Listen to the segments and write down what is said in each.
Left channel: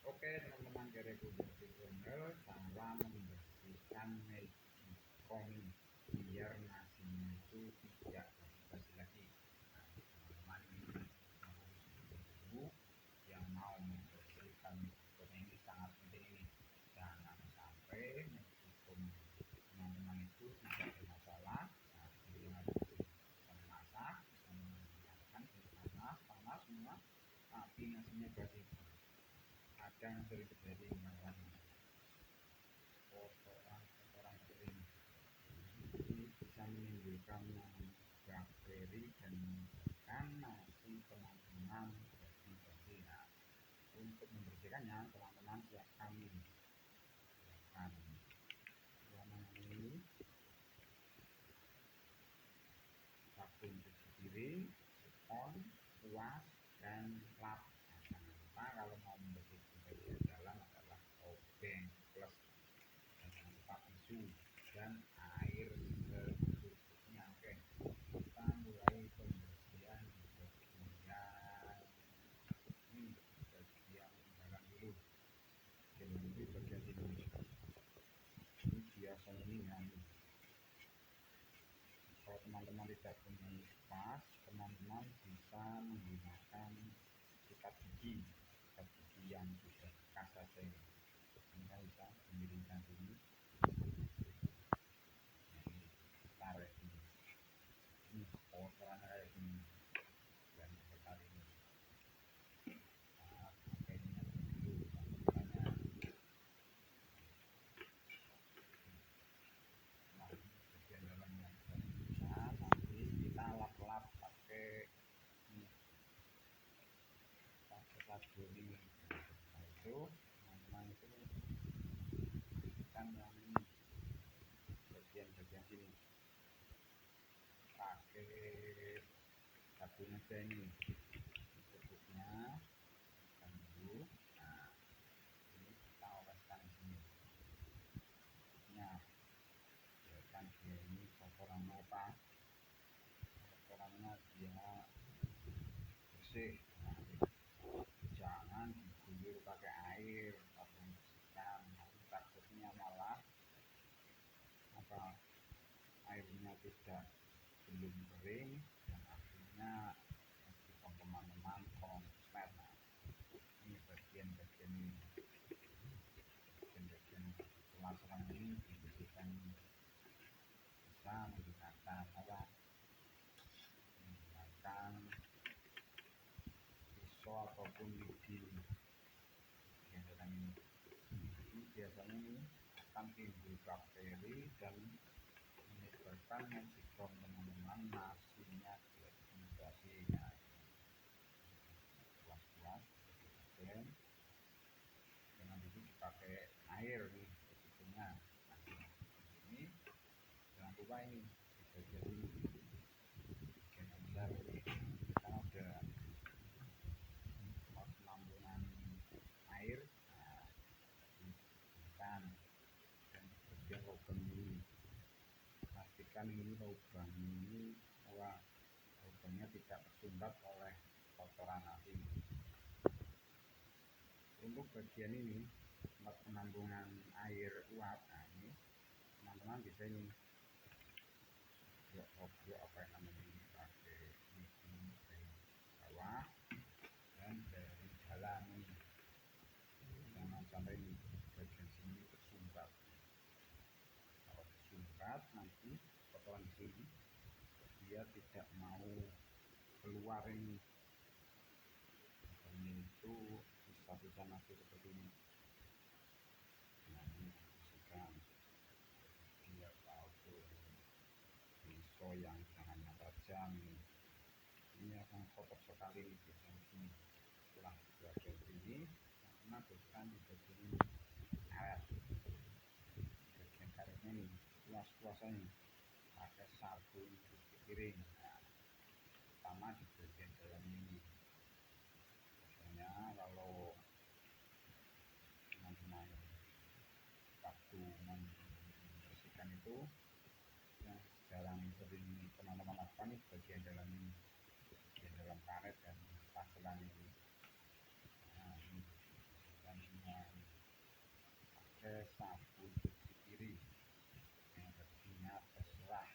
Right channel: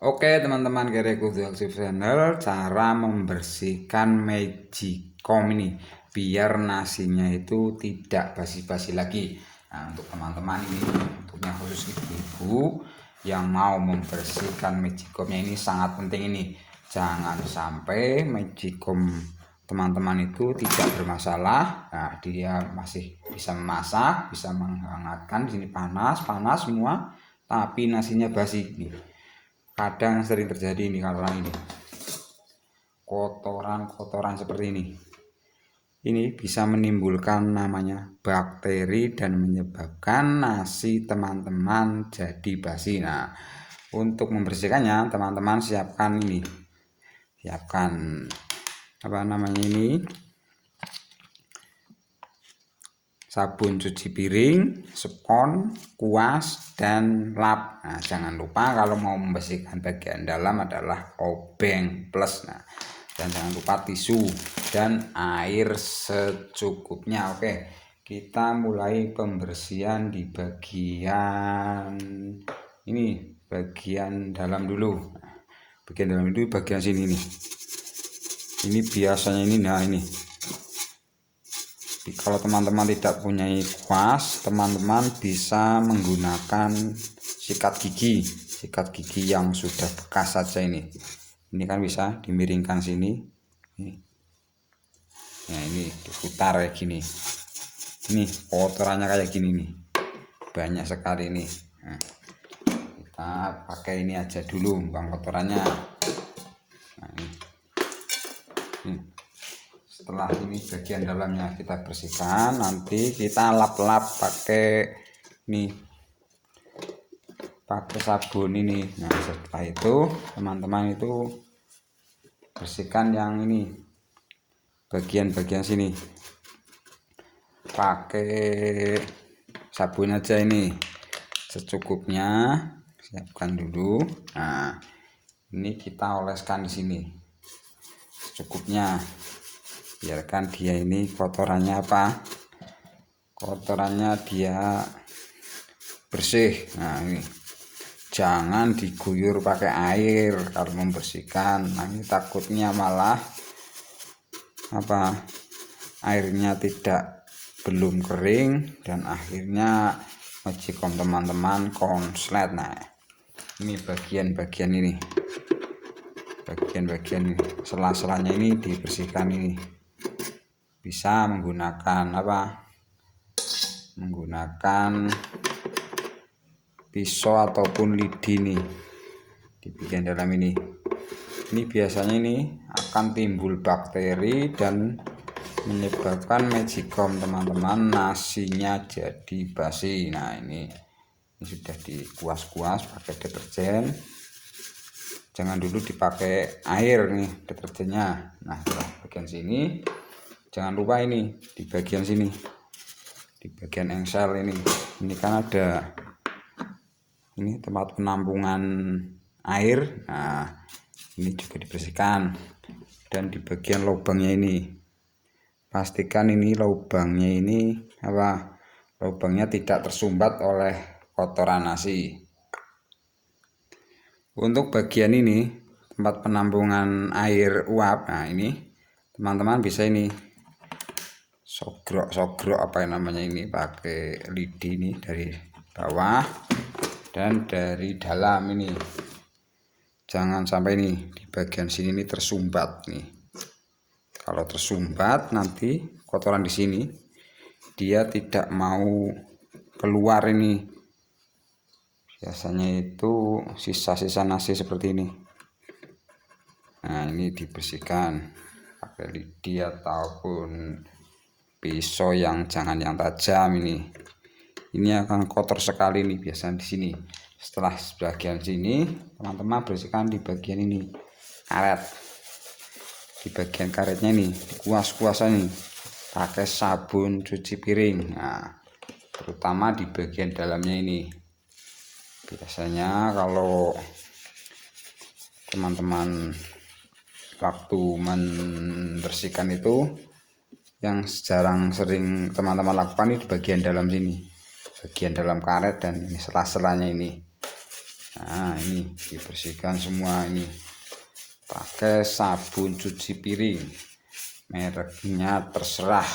Oke teman-teman, Kereku Aktif Channel, cara membersihkan magicom ini biar nasinya itu tidak basi-basi lagi. Nah, untuk teman-teman ini, untuknya khusus ibu-ibu yang mau membersihkan magicomnya ini sangat penting ini. Jangan sampai magicom teman-teman itu tidak bermasalah. Nah, dia masih bisa memasak, bisa menghangatkan. Di sini panas semua, tapi nasinya basi nih. Kadang sering terjadi ini karena ini kotoran seperti ini bisa menimbulkan namanya bakteri dan menyebabkan nasi teman-teman jadi basi. Nah, untuk membersihkannya teman-teman siapkan sabun cuci piring, spons, kuas, dan lap. Nah, jangan lupa kalau mau membersihkan bagian dalam adalah obeng plus. Nah, dan jangan lupa tisu dan air secukupnya. Oke, kita mulai pembersihan di bagian ini, bagian dalam dulu. Bagian dalam itu bagian sini nih. Ini biasanya ini. Kalau teman-teman tidak punya kuas, teman-teman bisa menggunakan sikat gigi yang sudah bekas saja ini kan bisa dimiringkan sini. Nah, ini diputar kayak gini. Ini kotorannya kayak gini nih, banyak sekali nih. Nah, kita pakai ini aja dulu buang kotorannya. Nah, ini. Setelah ini bagian dalamnya kita bersihkan, nanti kita lap-lap pakai sabun ini. Nah, setelah itu teman-teman itu bersihkan yang ini bagian sini pakai sabun aja ini secukupnya, siapkan dulu. Nah, ini kita oleskan di sini secukupnya, biarkan dia ini kotorannya dia bersih. Nah, ini jangan diguyur pakai air kalau membersihkan. Nah, ini takutnya malah airnya belum kering dan akhirnya magicom teman-teman konslet. Nah, ini bagian ini, sela-selanya ini dibersihkan. Ini bisa menggunakan pisau ataupun lidi nih di bagian dalam ini biasanya ini akan timbul bakteri dan menyebabkan magicom teman-teman nasinya jadi basi. Nah, ini sudah dikuas-kuas pakai deterjen. Jangan dulu dipakai air nih deterjennya. Nah, bagian sini jangan lupa ini di bagian sini, di bagian engsel ini kan ada ini tempat penampungan air. Nah, ini juga dibersihkan. Dan di bagian lubangnya ini pastikan ini lubangnya tidak tersumbat oleh kotoran nasi. Untuk bagian ini tempat penampungan air uap, nah ini teman-teman bisa ini sogrok pakai lidi ini dari bawah dan dari dalam ini. Jangan sampai ini di bagian sini ini tersumbat nih. Kalau tersumbat nanti kotoran di sini dia tidak mau keluar ini. Biasanya itu sisa-sisa nasi seperti ini. Nah, ini dibersihkan pakai lidi ataupun pisau yang tajam ini. Ini akan kotor sekali nih biasanya di sini. Setelah bagian sini teman-teman bersihkan di bagian ini karet. Di bagian karetnya ini dikuas-kuas nih pakai sabun cuci piring. Nah, terutama di bagian dalamnya ini. Biasanya kalau teman-teman waktu membersihkan itu yang sering teman-teman lakukan ini di bagian dalam sini, bagian dalam karet dan ini sela-selanya ini. Nah, ini dibersihkan semua ini pakai sabun cuci piring, mereknya terserah,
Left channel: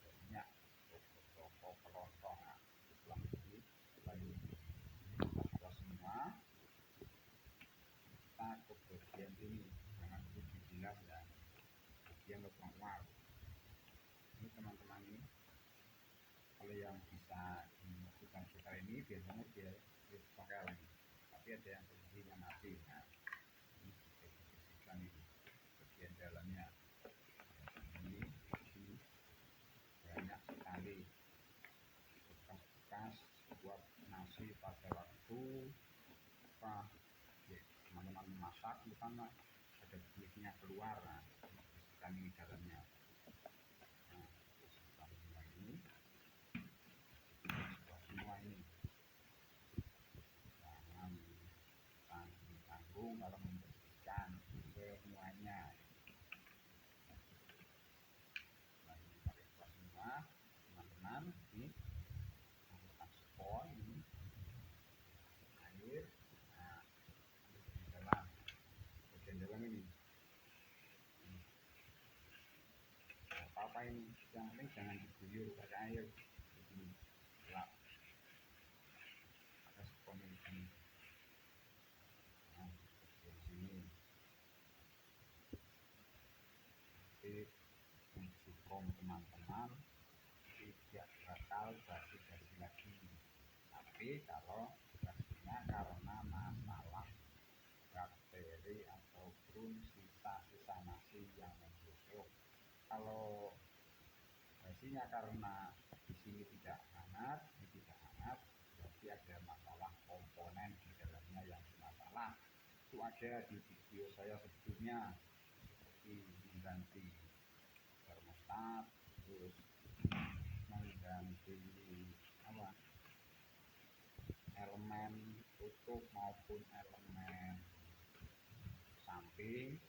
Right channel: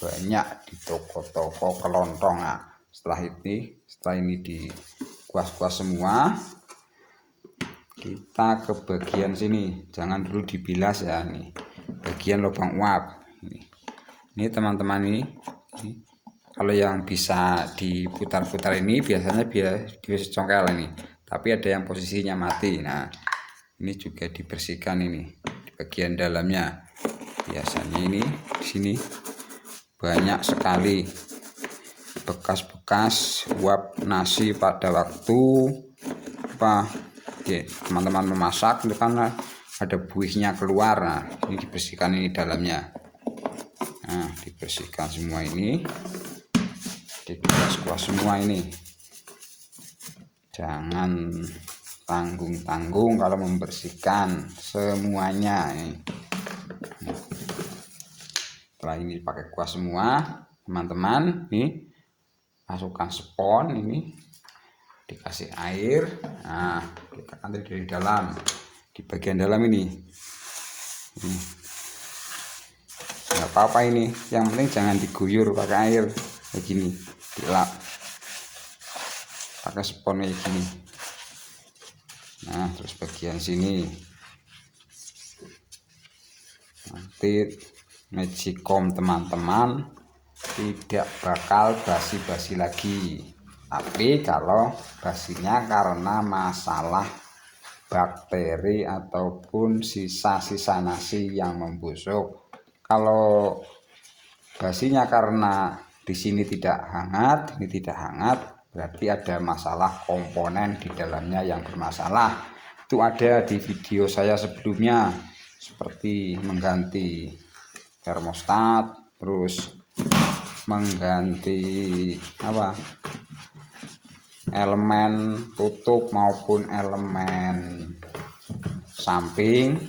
banyak di toko-toko kelontong. Nah, setelah ini dikuas-kuas semua, kita ke bagian sini, jangan dulu dibilas ya, nih bagian lubang uap ini teman-teman. Ini kalau yang bisa diputar-putar ini biasanya biar congkel ini, tapi ada yang posisinya mati. Nah, ini juga dibersihkan ini di bagian dalamnya. Biasanya ini di sini banyak sekali bekas-bekas uap nasi pada waktu teman-teman memasak, itu kan ada buihnya keluar. Nah, ini dibersihkan ini dalamnya. Nah, dibersihkan semua ini, dikuas-kuas semua ini. Jangan tanggung-tanggung kalau membersihkan semuanya ini. Setelah ini pakai kuas semua, teman-teman, nih masukkan spons ini, dikasih air. Nah, kita nanti dari dalam, di bagian dalam ini. Nggak apa-apa ini, yang penting jangan diguyur pakai air kayak gini, dilap pakai spons kayak gini. Nah, terus bagian sini nanti magicom teman-teman tidak bakal basi-basi lagi. Tapi kalau basinya karena masalah bakteri ataupun sisa-sisa nasi yang membusuk. Kalau basinya karena di sini tidak hangat, ini tidak hangat, berarti ada masalah komponen di dalamnya yang bermasalah. Itu ada di video saya sebelumnya, seperti mengganti termostat, terus mengganti elemen tutup maupun elemen samping.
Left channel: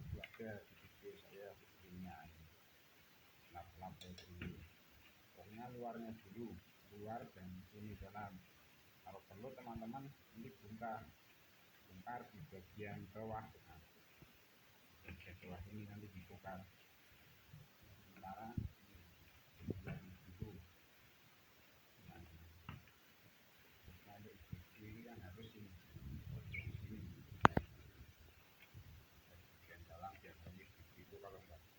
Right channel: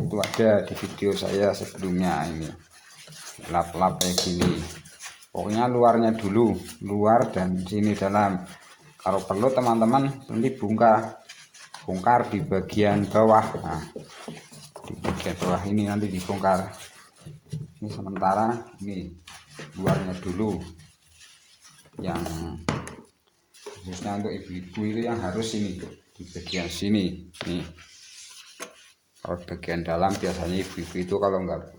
Itu ada di video saya sebelumnya. Ini lap-lap kayak gini, pokoknya luarnya dulu, luar dan sini dalam. Kalau perlu teman-teman nanti bongkar di bagian bawah. Nah, di bagian bawah ini nanti dibongkar. Ini sementara ini luarnya dulu, yang khususnya untuk ibu-ibu itu yang harus ini di bagian sini nih. Kalau bagian dalam biasanya ibu-ibu itu kalau nggak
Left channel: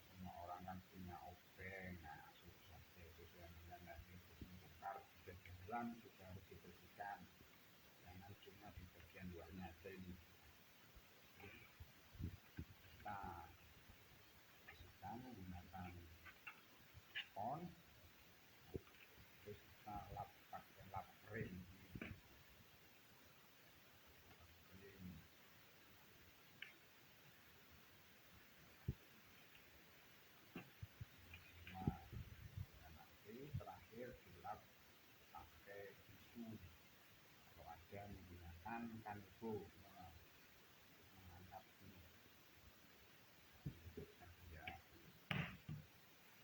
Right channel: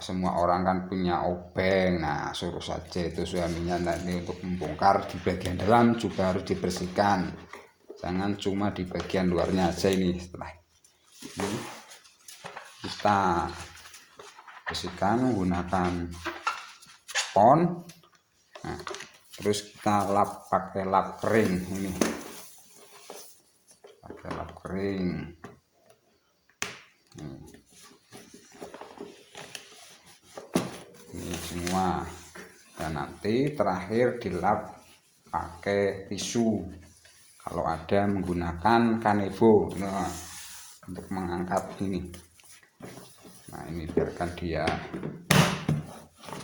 semua orang kan punya obeng. Nah, suruh saja itu suaminya nanti untuk membongkar di bagian dalam juga harus dibersihkan, jangan cuma di bagian luarnya aja. Ini setelah ini kita bersihkan menggunakan spons. Nah, terus kita lap pakai lap kering ini, pakai lap kering. Ini semua, dan nanti terakhir dilap pakai tisu kalau ada menggunakan kanebo. Nah, untuk mengangkat ini. Nah, ini biarkan dia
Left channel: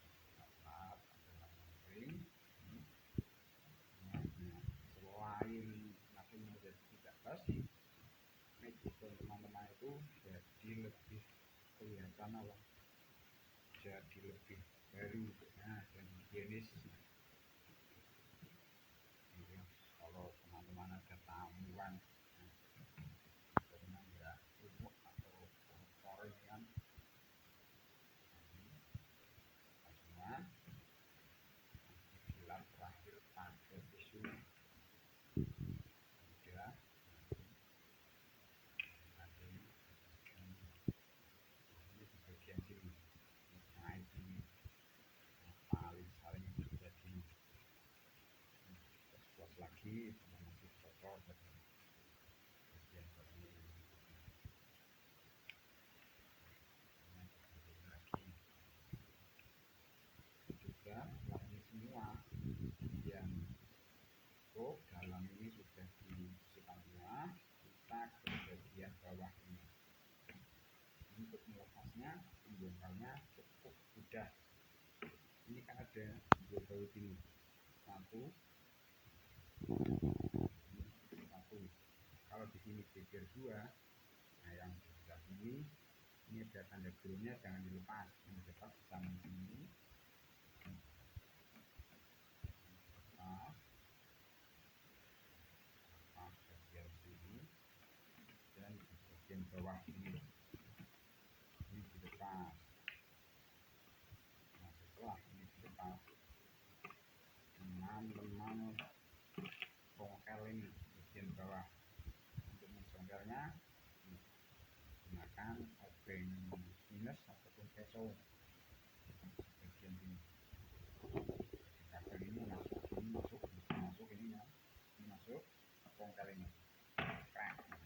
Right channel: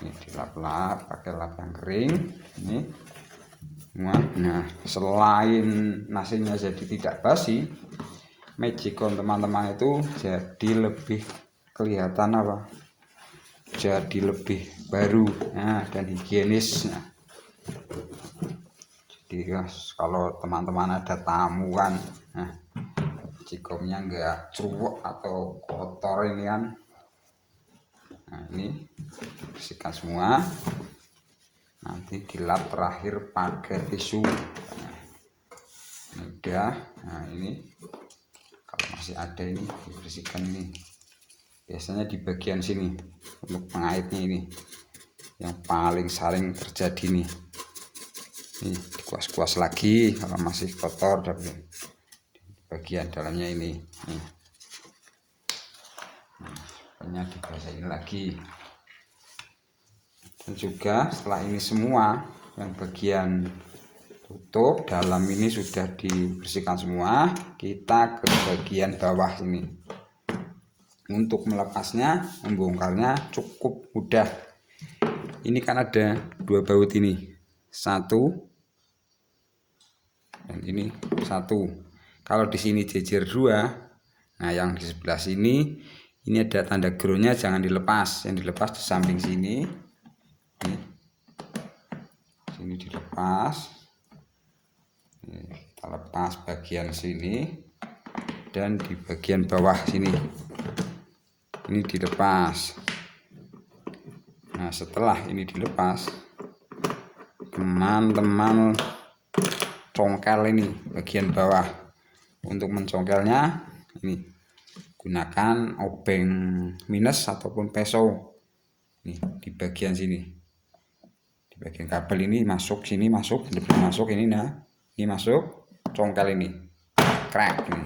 ini dilap-lap pakai lap yang kering ini semua. Nah, selain nasinya jadi tidak basi, magicom teman-teman itu jadi lebih kelihatan jadi lebih baru, nah, dan higienis. Nah, jadi kalau teman-teman ada tamuan, nah, magicomnya enggak ceruwek atau kotor ini kan. Nah, ini bersihkan semua, nanti dilap terakhir pakai tisu. Nah, ini udah. Nah, ini kalau masih ada ini dibersihkan ini, biasanya di bagian sini untuk pengaitnya ini yang paling sering terjadi nih. Ini dikuas-kuas lagi kalau masih kotor dari bagian dalamnya ini. Nah, dibasahin lagi. Dan juga setelah ini semua yang bagian tutup dalam ini sudah dibersihkan semua, kita ke bagian bawah ini. Untuk melepasnya, membongkarnya cukup mudah. Ini kan ada dua baut ini, satu dan ini satu. Kalau di sini jejer 2, nah yang di sebelah sini ini ada tanda groundnya, jangan dilepas. Yang dilepas di samping sini. Ini. Sini dilepas. Kita lepas bagian sini dan di bagian bawah sini. Ini dilepas. Nah, setelah ini dilepas, teman-teman congkel ini bagian bawah. Untuk mencongkelnya ini gunakan obeng minus ataupun peso. Nih di bagian sini, di bagian kabel ini masuk, sini masuk, lebih masuk ini. Nah ini masuk, congkel ini crack ini.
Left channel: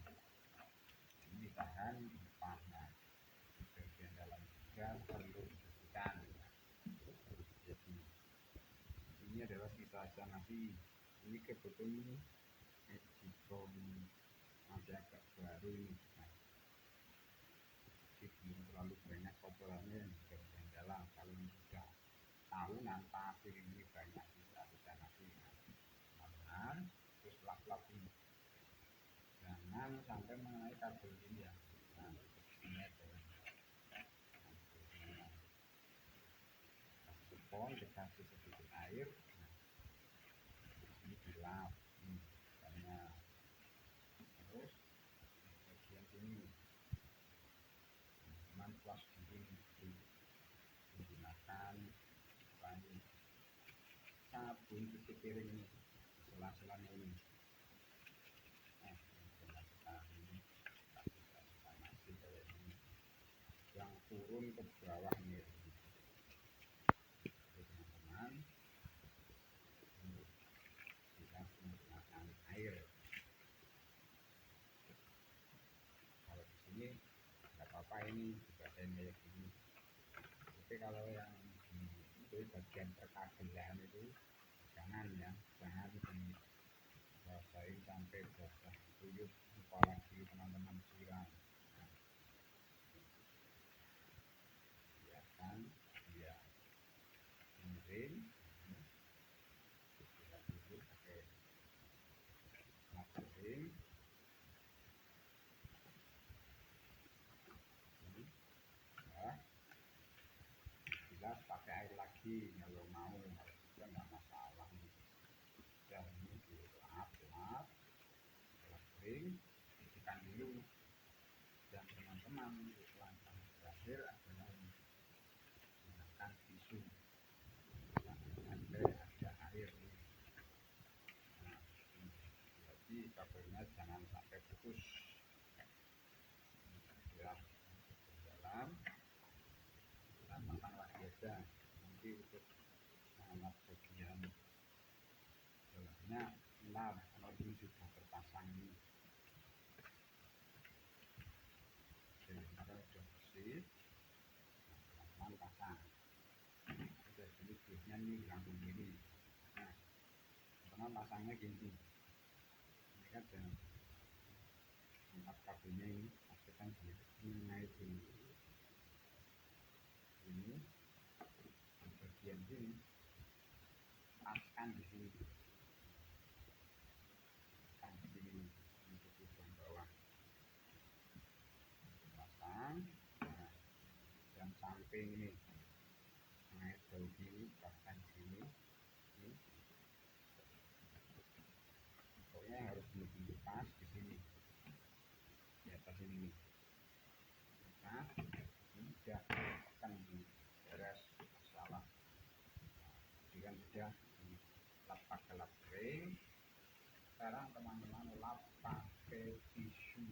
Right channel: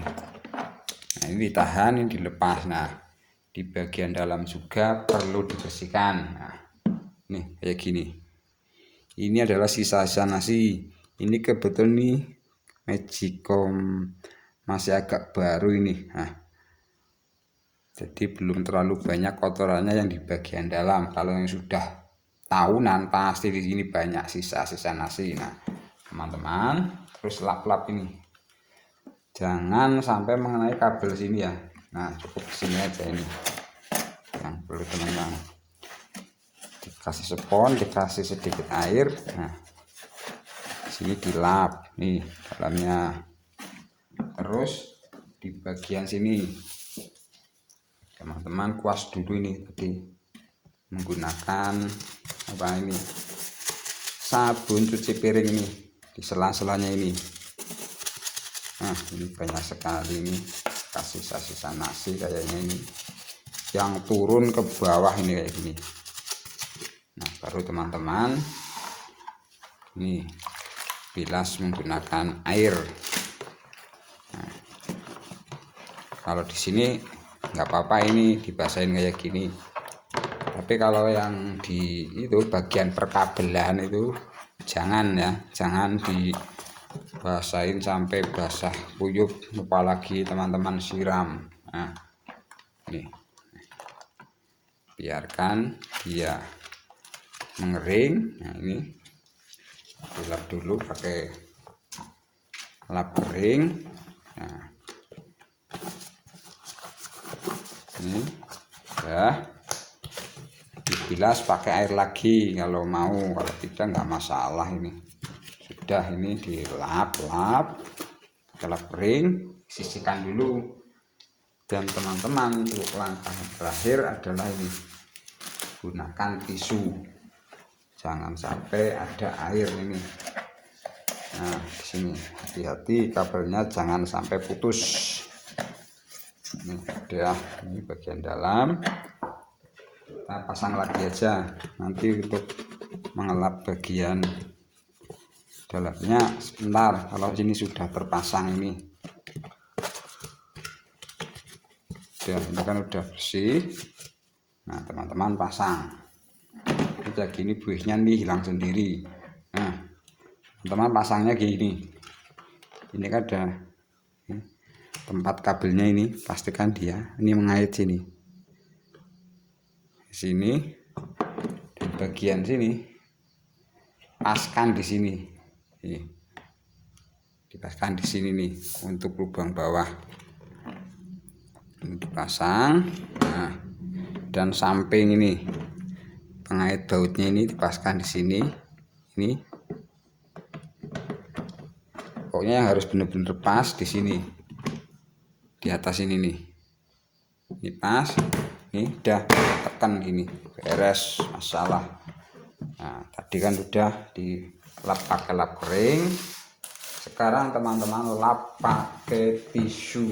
Nah ini ditahan, ini dilepas. Nah di bagian dalam juga perlu dibersihkan. Nah nih kayak gini. Ini adalah sisa-sisa nasi. Ini kebetulan nih Magicom masih agak baru ini. Nah jadi belum terlalu banyak kotorannya yang di bagian dalam. Kalau yang sudah tahunan pasti di sini banyak sisa-sisa nasi. Nah teman-teman terus lap-lap ini, jangan sampai mengenai kabel sini ya. Nah cukup sini aja ini yang perlu teman-teman. Dikasih spons, dikasih sedikit air. Nah sini dilap nih dalamnya. Terus di bagian sini teman-teman kuas dulu ini tadi menggunakan apa ini, sabun cuci piring ini di sela-selanya ini. Nah ini banyak sekali ini kasih sisa-sisa nasi kayaknya ini yang turun ke bawah ini kayak gini. Nah baru teman-teman ini bilas menggunakan air. Nah, kalau di sini nggak apa-apa ini dibasahin kayak gini, tapi kalau yang di itu bagian perkabelan itu jangan ya, jangan dibasahin sampai basah kuyup, apalagi teman-teman siram. Nah ini biarkan dia mengering. Nah ini dilap dulu pakai lap kering. Nah ini ya dibilas pakai air lagi kalau mau, kalau tidak nggak masalah. Ini sudah, ini dilap-lap lap kering, sisihkan dulu. Dan teman-teman untuk langkah terakhir adalah ini, gunakan tisu, jangan sampai ada air ini. Nah di sini hati-hati kabelnya jangan sampai putus. Ini udah, ini bagian dalam kita pasang lagi aja nanti untuk mengelap bagian dalamnya sebentar. Kalau sini sudah terpasang ini kan udah bersih. Nah teman-teman pasang udah gini, buihnya nih hilang sendiri. Nah teman-teman pasangnya gini, ini kan ada tempat kabelnya, ini pastikan dia ini mengait sini di bagian sini, paskan di sini, dipaskan di sini nih untuk lubang bawah ini dipasang. Nah dan samping ini pengait bautnya ini dipaskan di sini. Ini pokoknya yang harus benar-benar pas di sini, di atas ini nih, ini pas, ini udah tekan gini beres masalah. Nah tadi kan udah dilap pakai lap kering, sekarang teman-teman lap pakai tisu.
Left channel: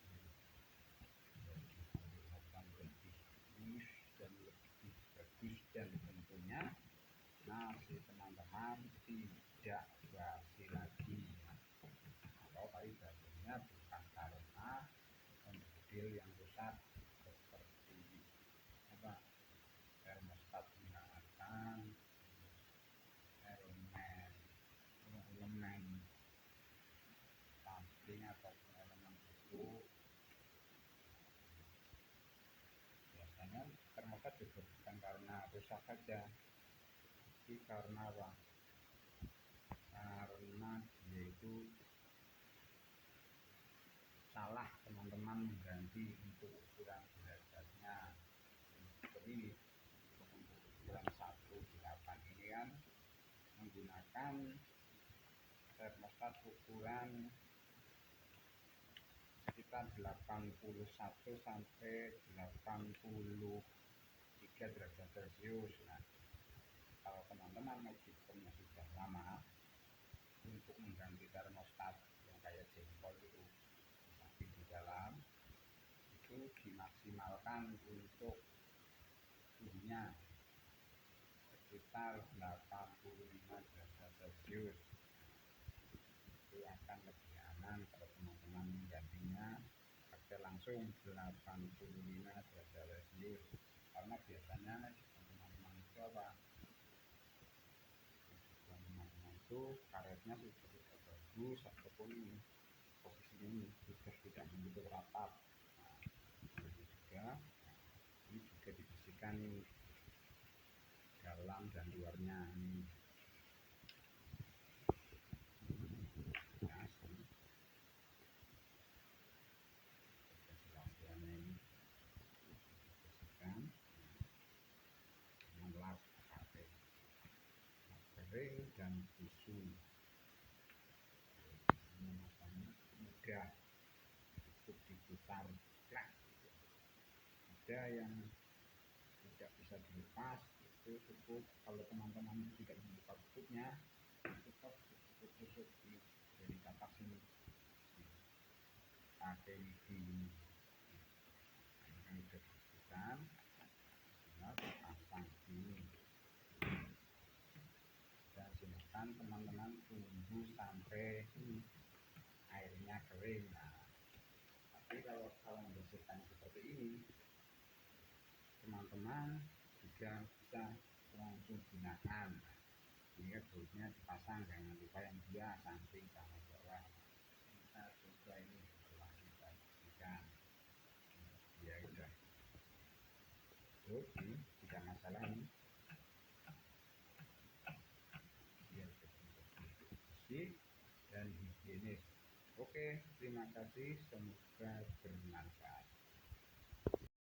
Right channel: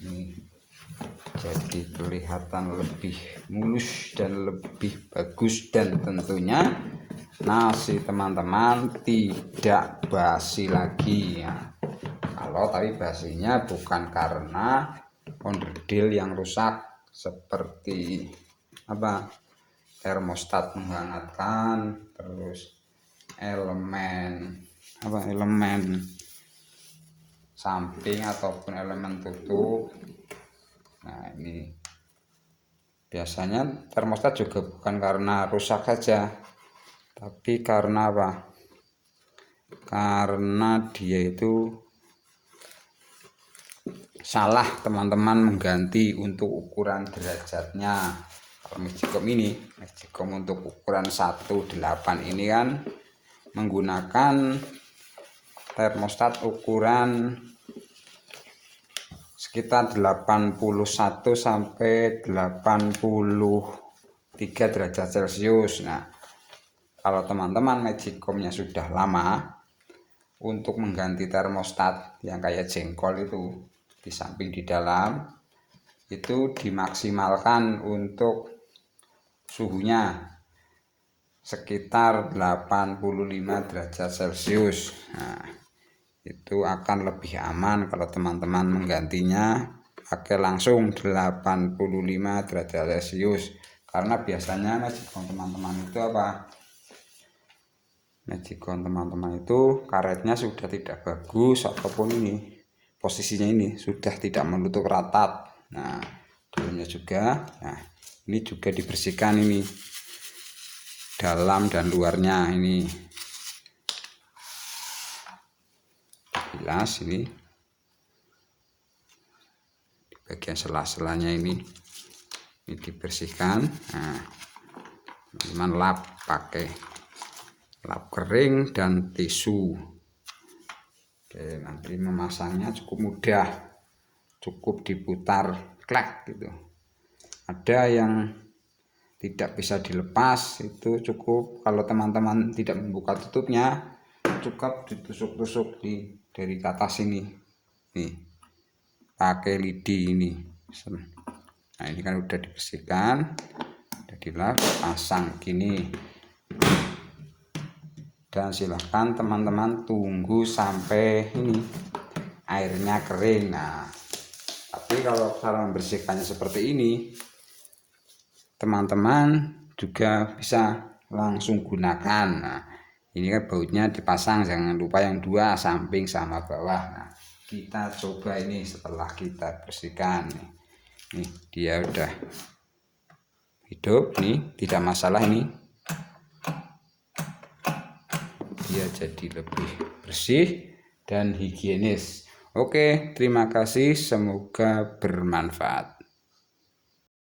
Ini jadi kelihatan lebih mulus dan lebih bagus, dan tentunya nasi teman-teman tidak basi lagi ya. Kalau tapi basinya bukan karena onderdil yang rusak seperti apa, termostat menghangatkan, terus elemen samping ataupun elemen tutup. Nah ini biasanya termostat juga bukan karena rusak saja, tapi karena apa, karena dia itu salah teman-teman mengganti untuk ukuran derajatnya. Kalau magicom ini, magicom untuk ukuran 18 ini kan menggunakan termostat ukuran sekitar 81 sampai 83 derajat Celcius. Nah, kalau teman-teman magicomnya sudah lama, untuk mengganti termostat yang kayak jengkol itu di samping di dalam itu dimaksimalkan untuk suhunya sekitar 85 derajat Celcius. Nah, itu akan lebih aman kalau teman-teman menggantinya pakai langsung 85 derajat Celcius, karena biasanya magicom teman-teman itu apa? Magicom teman-teman itu karetnya sudah tidak bagus, ataupun ini posisinya ini sudah tidak menutup rata. Nah, dalamnya juga, nah ini juga dibersihkan, ini dalam dan luarnya ini jelas, ini di bagian sela-selanya ini dibersihkan. Nah, teman lap pakai lap kering dan tisu. Oke, nanti memasangnya cukup mudah, cukup diputar klek gitu. Ada yang tidak bisa dilepas, itu cukup kalau teman-teman tidak membuka tutupnya, cukup ditusuk-tusuk dari atas ini nih pakai lidi ini. Nah, ini kan udah dibersihkan, udah dilap, pasang gini. Dan silahkan teman-teman tunggu sampai ini airnya kering. Nah, tapi kalau cara membersihkannya seperti ini, teman-teman juga bisa langsung gunakan. Nah, ini kan bautnya dipasang, jangan lupa yang dua, samping sama bawah. Nah, kita coba ini setelah kita bersihkan nih, dia udah hidup nih, tidak masalah, ini dia jadi lebih bersih dan higienis. Oke, terima kasih, semoga bermanfaat.